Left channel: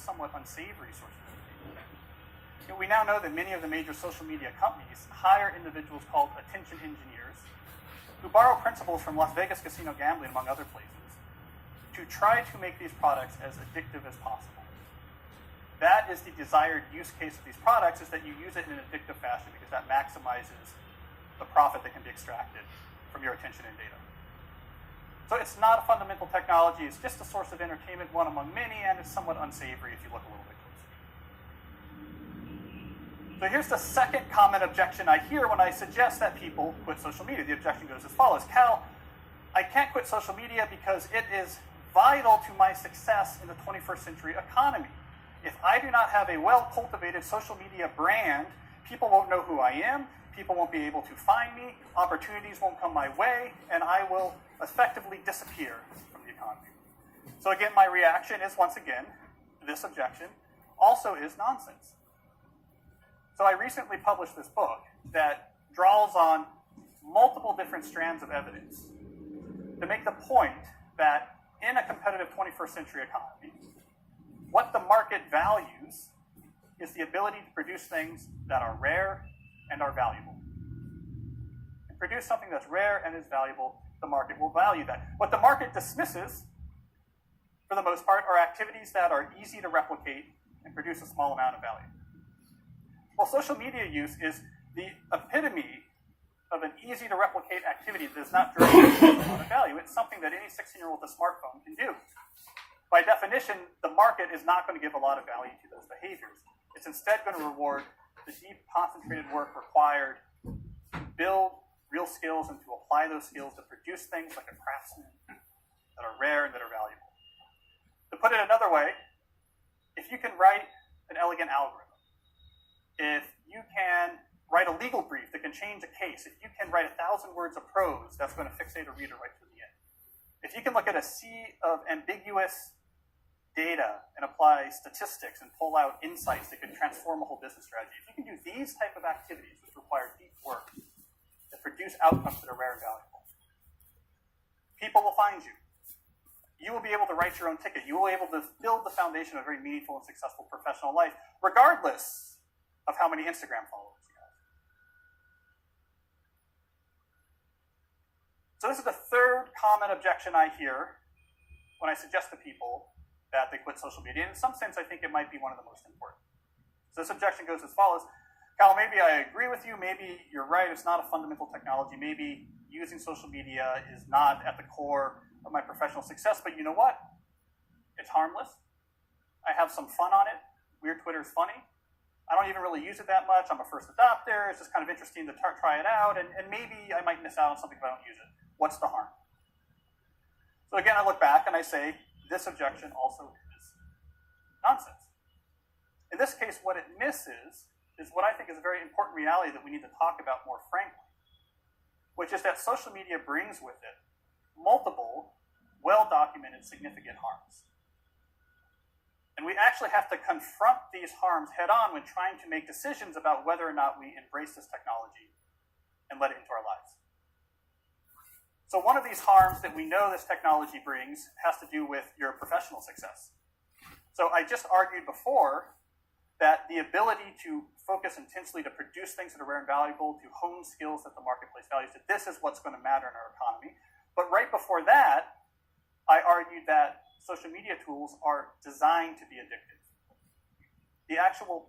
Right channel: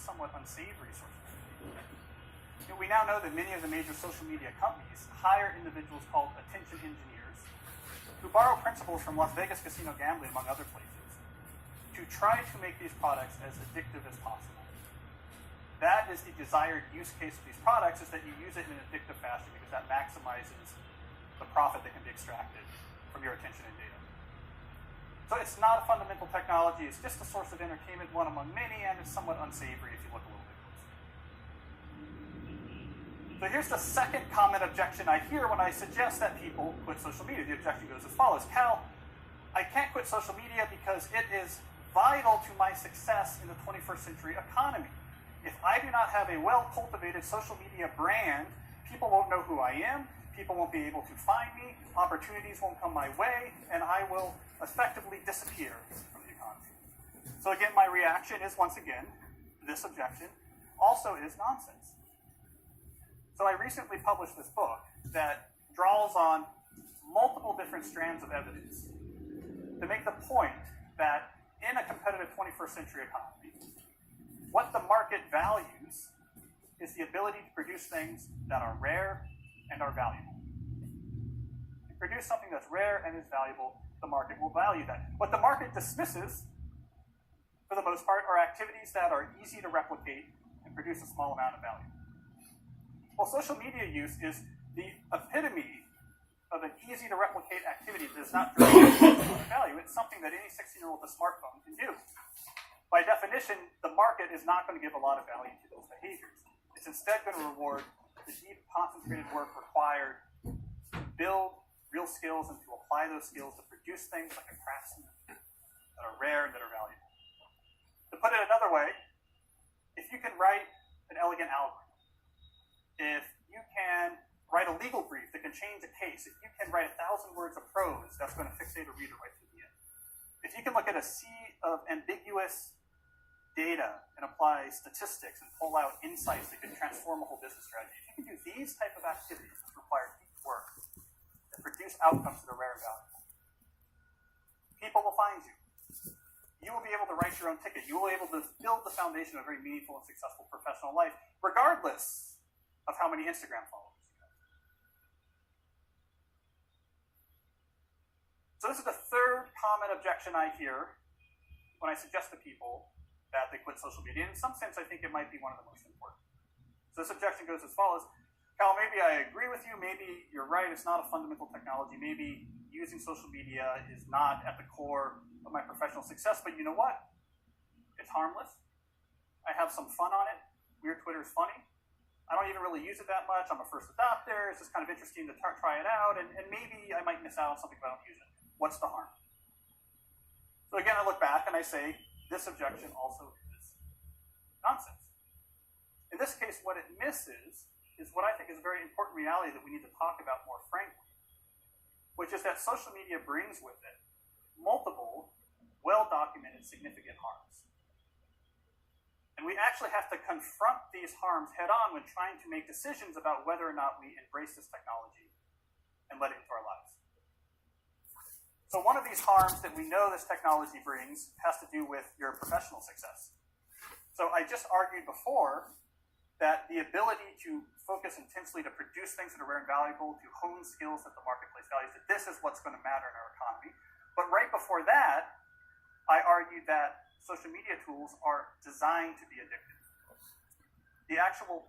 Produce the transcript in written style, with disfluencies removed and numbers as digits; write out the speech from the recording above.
somewhat unsavory source of income. We now know that many of the major social media companies hire individuals called attention engineers who borrow principles from Las Vegas casino gambling, among other places, to try to make these products as addictive as possible. That is the desired use case of these products, is that you use it in an addictive fashion because that maximizes the profit that can be extracted from your attention and data. So it's not a fundamental technology, it's just a source of entertainment, one among many, and it's somewhat unsavory if you look a little bit closer. So here's the second common objection I hear when I suggest that people quit social media. The objection goes as follows: Cal, I can't quit social media because it is vital to my success in the 21st century economy. If I do not have a well-cultivated social media brand, people won't know who I am, people won't be able to find me, opportunities won't come my way, and I will effectively disappear from the economy. So again, my reaction is, once again, this objection also is nonsense. So I recently published this book that draws on multiple different strands of evidence to make the point that in a competitive 21st century economy, what the market values is the ability to produce things that are rare and are valuable. To produce something that's rare and is valuable, the market will value that. What the market dismisses, for the most part, are activities that are easy to replicate and produce a small amount of value. Well, social media use is the epitome of an easy-to-replicate activity that does not produce a amount of value. It's something that any 16-year-old with a smartphone can do. By definition, the market is not going to give a lot of value to those behaviors. It's instead going to reward the deep, concentrated work required to build real skills and to apply those skills to produce things like a craftsman that are rare and that are valuable. To put it another way, if you can write an elegant algorithm, if you can write a legal brief that can change a case, if you can write 1,000 words of prose that's going to fixate a reader right to the end, if you can look at a sea of ambiguous data and apply statistics and pull out insights that can transform a whole business strategy, if you can do these type of activities which require deep work that produce outcomes that are rare and valuable, people will find you. You will be able to write your own ticket. You will be able to build the foundation of a very meaningful and successful professional life, regardless of how many Instagram followers you have. So this is the third common objection I hear when I suggest to people that they quit social media. And in some sense, I think it might be one of the most important. So this objection goes as follows: Cal, maybe I agree with you. Maybe you're right. It's not a fundamental technology. Maybe using social media is not at the core of my professional success. But you know what? It's harmless. I have some fun on it. Weird Twitter's funny. I don't even really use it that much. I'm a first adopter. It's just kind of interesting to try it out. And maybe I might miss out on something if I don't use it. What's the harm? So again, I look back and I say, this objection also is nonsense. In this case, what it misses is what I think is a very important reality that we need to talk about more frankly, which is that social media brings with it multiple, well-documented, significant harms. And we actually have to confront these harms head-on when trying to make decisions about whether or not we embrace this technology and let it into our lives. So one of these harms that we know this technology brings has to do with your professional success. So I just argued before that the ability to focus intensely to produce things that are rare and valuable, to hone skills that the marketplace values, that this is what's going to matter in our economy. But right before that, I argued that social media tools are designed to be addictive. The actual